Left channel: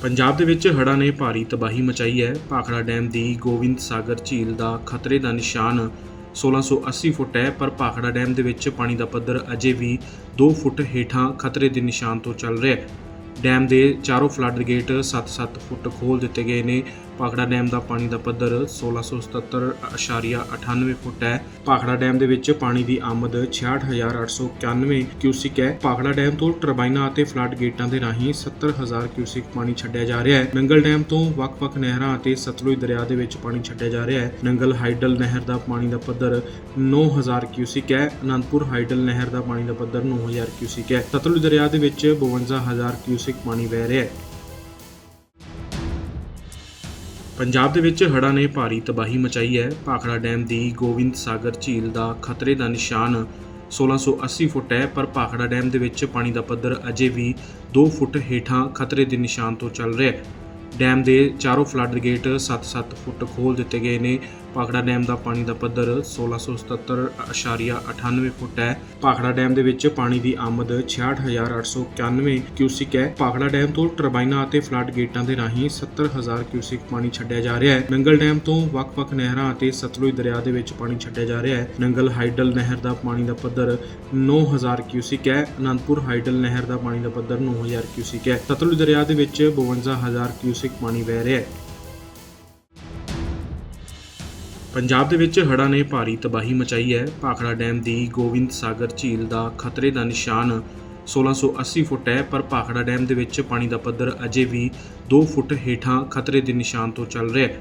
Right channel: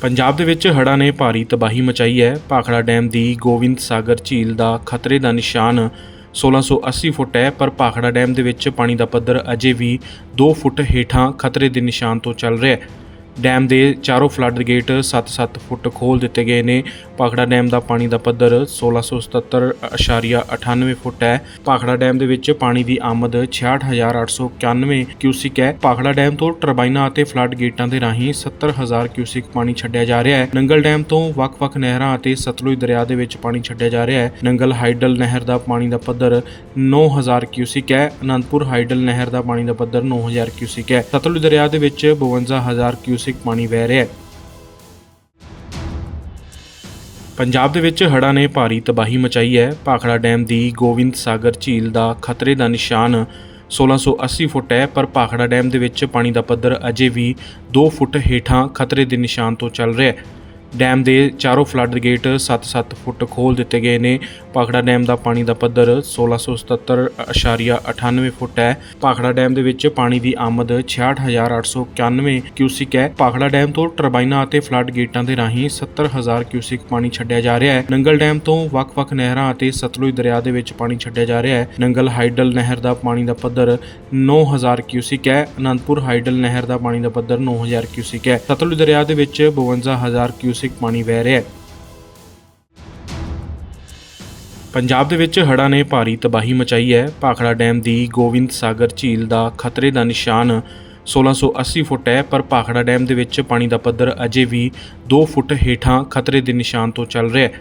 ਪੰਜਾਬ ਦੇ ਵਿੱਚ ਹੜ੍ਹਾਂ ਨੇ ਭਾਰੀ ਤਬਾਹੀ ਮਚਾਈ ਹੈ। ਭਾਖੜਾ ਡੈਮ ਦੀ ਗੋਬਿੰਦ ਸਾਗਰ ਝੀਲ ਦਾ ਖਤਰੇ ਦਾ ਨਿਸ਼ਾਨ 1680 ਫੁੱਟ ਹੈ, ਪਰ ਭਾਖੜਾ ਡੈਮ ਦੇ ਵਿੱਚ ਪਾਣੀ ਦਾ ਪੱਧਰ ਅਜੇ ਵੀ 2 ਫੁੱਟ ਹੇਠਾਂ ਖਤਰੇ ਦੇ ਨਿਸ਼ਾਨ ਤੋਂ ਚੱਲ ਰਿਹਾ ਹੈ। ਡੈਮ ਦੇ ਚਾਰੋਂ ਫਲੱਡ ਗੇਟ 7-7 ਫੁੱਟ ਖੋਲ ਦਿੱਤੇ ਗਏ ਨੇ। ਭਾਖੜਾ ਡੈਮ ਦਾ ਪਾਣੀ ਦਾ ਪੱਧਰ 1677.98 ਫੁੱਟ ਹੈ। ਭਾਖੜਾ ਡੈਮ ਦੇ ਵਿੱਚ ਪਾਣੀ ਦੀ ਆਮਦ 66891 ਕਿਊਸਿਕ ਹੈ। ਭਾਖੜਾ ਡੈਮ ਤੋਂ ਟਰਬਾਈਨਾਂ ਅਤੇ ਫਲੱਡ ਗੇਟਾਂ ਦੇ ਰਾਹੀਂ 70000 ਕਿਊਸਿਕ ਪਾਣੀ ਛੱਡਿਆ ਜਾ ਰਿਹਾ ਹੈ। ਨੰਗਲ ਡੈਮ ਤੋਂ ਵੱਖ-ਵੱਖ ਨਹਿਰਾਂ ਅਤੇ ਸਤਲੁਜ ਦਰਿਆ ਦੇ ਵਿੱਚ ਪਾਣੀ ਛੱਡਿਆ ਜਾ ਰਿਹਾ ਹੈ। ਨੰਗਲ ਹਾਈਡਲ ਨਹਿਰ ਦਾ ਪਾਣੀ ਦਾ ਪੱਧਰ 9000 ਕਿਊਸਿਕ ਹੈ। ਅਨੰਦਪੁਰ ਹਾਈਡਲ ਨਹਿਰ ਦਾ ਪਾਣੀ ਦਾ ਪੱਧਰ 9000 ਕਿਊਸਿਕ ਹੈ। ਸਤਲੁਜ ਦਰਿਆ ਦੇ ਵਿੱਚ 52000 ਕਿਊਸਿਕ ਪਾਣੀ ਵਹਿ ਰਿਹਾ ਹੈ। ਪੰਜਾਬ ਦੇ ਵਿੱਚ ਹੜ੍ਹਾਂ ਨੇ ਭਾਰੀ ਤਬਾਹੀ ਮਚਾਈ ਹੈ। ਭਾਖੜਾ ਡੈਮ ਦੀ ਗੋਬਿੰਦ ਸਾਗਰ ਝੀਲ ਦਾ ਖਤਰੇ ਦਾ ਨਿਸ਼ਾਨ 1680 ਫੁੱਟ ਹੈ, ਪਰ ਭਾਖੜਾ ਡੈਮ ਦੇ ਵਿੱਚ ਪਾਣੀ ਦਾ ਪੱਧਰ ਅਜੇ ਵੀ 2 ਫੁੱਟ ਹੇਠਾਂ ਖਤਰੇ ਦੇ ਨਿਸ਼ਾਨ ਤੋਂ ਚੱਲ ਰਿਹਾ ਹੈ। ਡੈਮ ਦੇ ਚਾਰੋਂ ਫਲੱਡ ਗੇਟ 7-7 ਫੁੱਟ ਖੋਲ ਦਿੱਤੇ ਗਏ ਨੇ। ਭਾਖੜਾ ਡੈਮ ਦਾ ਪਾਣੀ ਦਾ ਪੱਧਰ 1677.98 ਫੁੱਟ ਹੈ। ਭਾਖੜਾ ਡੈਮ ਦੇ ਵਿੱਚ ਪਾਣੀ ਦੀ ਆਮਦ 66891 ਕਿਊਸਿਕ ਹੈ। ਭਾਖੜਾ ਡੈਮ ਤੋਂ ਟਰਬਾਈਨਾਂ ਅਤੇ ਫਲੱਡ ਗੇਟਾਂ ਦੇ ਰਾਹੀਂ 70000 ਕਿਊਸਿਕ ਪਾਣੀ ਛੱਡਿਆ ਜਾ ਰਿਹਾ ਹੈ। ਨੰਗਲ ਡੈਮ ਤੋਂ ਵੱਖ-ਵੱਖ ਨਹਿਰਾਂ ਅਤੇ ਸਤਲੁਜ ਦਰਿਆ ਦੇ ਵਿੱਚ ਪਾਣੀ ਛੱਡਿਆ ਜਾ ਰਿਹਾ ਹੈ। ਨੰਗਲ ਹਾਈਡਲ ਨਹਿਰ ਦਾ ਪਾਣੀ ਦਾ ਪੱਧਰ 9000 ਕਿਊਸਿਕ ਹੈ। ਅਨੰਦਪੁਰ ਹਾਈਡਲ ਨਹਿਰ ਦਾ ਪਾਣੀ ਦਾ ਪੱਧਰ 9000 ਕਿਊਸਿਕ ਹੈ। ਸਤਲੁਜ ਦਰਿਆ ਦੇ ਵਿੱਚ 52000 ਕਿਊਸਿਕ ਪਾਣੀ ਵਹਿ ਰਿਹਾ ਹੈ। ਪੰਜਾਬ ਦੇ ਵਿੱਚ ਹੜ੍ਹਾਂ ਨੇ ਭਾਰੀ ਤਬਾਹੀ ਮਚਾਈ ਹੈ। ਭਾਖੜਾ ਡੈਮ ਦੀ ਗੋਬਿੰਦ ਸਾਗਰ ਝੀਲ ਦਾ ਖਤਰੇ ਦਾ ਨਿਸ਼ਾਨ 1680 ਫੁੱਟ ਹੈ, ਪਰ ਭਾਖੜਾ ਡੈਮ ਦੇ ਵਿੱਚ ਪਾਣੀ ਦਾ ਪੱਧਰ ਅਜੇ ਵੀ 2 ਫੁੱਟ ਹੇਠਾਂ ਖਤਰੇ ਦੇ ਨਿਸ਼ਾਨ ਤੋਂ ਚੱਲ ਰਿਹਾ ਹੈ।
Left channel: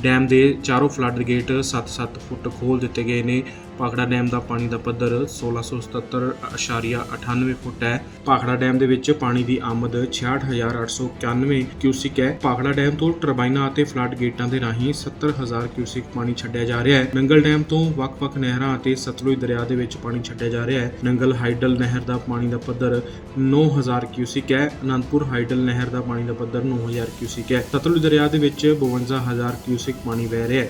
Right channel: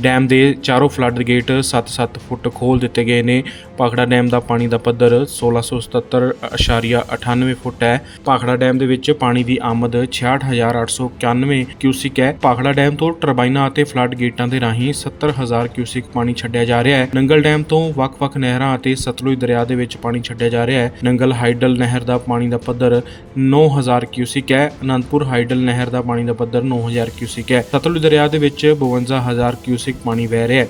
ਡੈਮ ਦੇ ਚਾਰੋਂ ਫਲੱਡ ਗੇਟ 7-7 ਫੁੱਟ ਖੋਲ ਦਿੱਤੇ ਗਏ ਨੇ। ਭਾਖੜਾ ਡੈਮ ਦਾ ਪਾਣੀ ਦਾ ਪੱਧਰ 1677.98 ਫੁੱਟ ਹੈ। ਭਾਖੜਾ ਡੈਮ ਦੇ ਵਿੱਚ ਪਾਣੀ ਦੀ ਆਮਦ 66891 ਕਿਊਸਿਕ ਹੈ। ਭਾਖੜਾ ਡੈਮ ਤੋਂ ਟਰਬਾਈਨਾਂ ਅਤੇ ਫਲੱਡ ਗੇਟਾਂ ਦੇ ਰਾਹੀਂ 70000 ਕਿਊਸਿਕ ਪਾਣੀ ਛੱਡਿਆ ਜਾ ਰਿਹਾ ਹੈ। ਨੰਗਲ ਡੈਮ ਤੋਂ ਵੱਖ-ਵੱਖ ਨਹਿਰਾਂ ਅਤੇ ਸਤਲੁਜ ਦਰਿਆ ਦੇ ਵਿੱਚ ਪਾਣੀ ਛੱਡਿਆ ਜਾ ਰਿਹਾ ਹੈ। ਨੰਗਲ ਹਾਈਡਲ ਨਹਿਰ ਦਾ ਪਾਣੀ ਦਾ ਪੱਧਰ 9000 ਕਿਊਸਿਕ ਹੈ। ਅਨੰਦਪੁਰ ਹਾਈਡਲ ਨਹਿਰ ਦਾ ਪਾਣੀ ਦਾ ਪੱਧਰ 9000 ਕਿਊਸਿਕ ਹੈ। ਸਤਲੁਜ ਦਰਿਆ ਦੇ ਵਿੱਚ 52000 ਕਿਊਸਿਕ ਪਾਣੀ ਵਹਿ ਰਿਹਾ ਹੈ।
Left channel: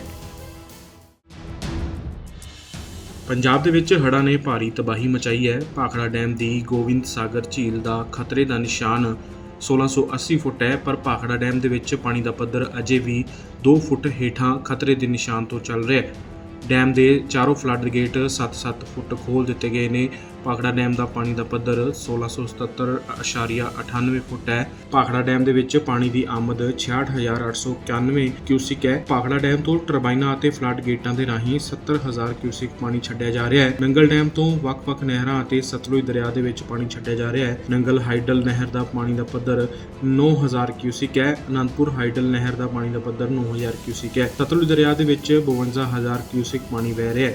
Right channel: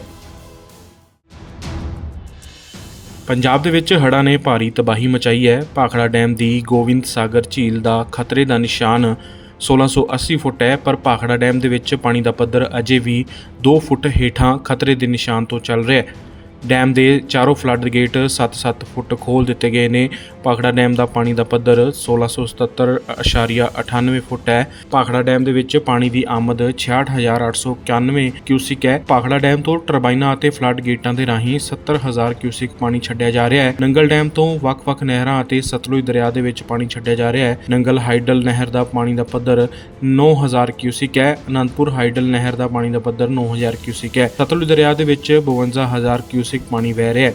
ਪੰਜਾਬ ਦੇ ਵਿੱਚ ਹੜ੍ਹਾਂ ਨੇ ਭਾਰੀ ਤਬਾਹੀ ਮਚਾਈ ਹੈ। ਭਾਖੜਾ ਡੈਮ ਦੀ ਗੋਬਿੰਦ ਸਾਗਰ ਝੀਲ ਦਾ ਖਤਰੇ ਦਾ ਨਿਸ਼ਾਨ 1680 ਫੁੱਟ ਹੈ, ਪਰ ਭਾਖੜਾ ਡੈਮ ਦੇ ਵਿੱਚ ਪਾਣੀ ਦਾ ਪੱਧਰ ਅਜੇ ਵੀ 2 ਫੁੱਟ ਹੇਠਾਂ ਖਤਰੇ ਦੇ ਨਿਸ਼ਾਨ ਤੋਂ ਚੱਲ ਰਿਹਾ ਹੈ। ਡੈਮ ਦੇ ਚਾਰੋਂ ਫਲੱਡ ਗੇਟ 7-7 ਫੁੱਟ ਖੋਲ ਦਿੱਤੇ ਗਏ ਨੇ। ਭਾਖੜਾ ਡੈਮ ਦਾ ਪਾਣੀ ਦਾ ਪੱਧਰ 1677.98 ਫੁੱਟ ਹੈ। ਭਾਖੜਾ ਡੈਮ ਦੇ ਵਿੱਚ ਪਾਣੀ ਦੀ ਆਮਦ 66891 ਕਿਊਸਿਕ ਹੈ। ਭਾਖੜਾ ਡੈਮ ਤੋਂ ਟਰਬਾਈਨਾਂ ਅਤੇ ਫਲੱਡ ਗੇਟਾਂ ਦੇ ਰਾਹੀਂ 70000 ਕਿਊਸਿਕ ਪਾਣੀ ਛੱਡਿਆ ਜਾ ਰਿਹਾ ਹੈ। ਨੰਗਲ ਡੈਮ ਤੋਂ ਵੱਖ-ਵੱਖ ਨਹਿਰਾਂ ਅਤੇ ਸਤਲੁਜ ਦਰਿਆ ਦੇ ਵਿੱਚ ਪਾਣੀ ਛੱਡਿਆ ਜਾ ਰਿਹਾ ਹੈ। ਨੰਗਲ ਹਾਈਡਲ ਨਹਿਰ ਦਾ ਪਾਣੀ ਦਾ ਪੱਧਰ 9000 ਕਿਊਸਿਕ ਹੈ। ਅਨੰਦਪੁਰ ਹਾਈਡਲ ਨਹਿਰ ਦਾ ਪਾਣੀ ਦਾ ਪੱਧਰ 9000 ਕਿਊਸਿਕ ਹੈ। ਸਤਲੁਜ ਦਰਿਆ ਦੇ ਵਿੱਚ 52000 ਕਿਊਸਿਕ ਪਾਣੀ ਵਹਿ ਰਿਹਾ ਹੈ।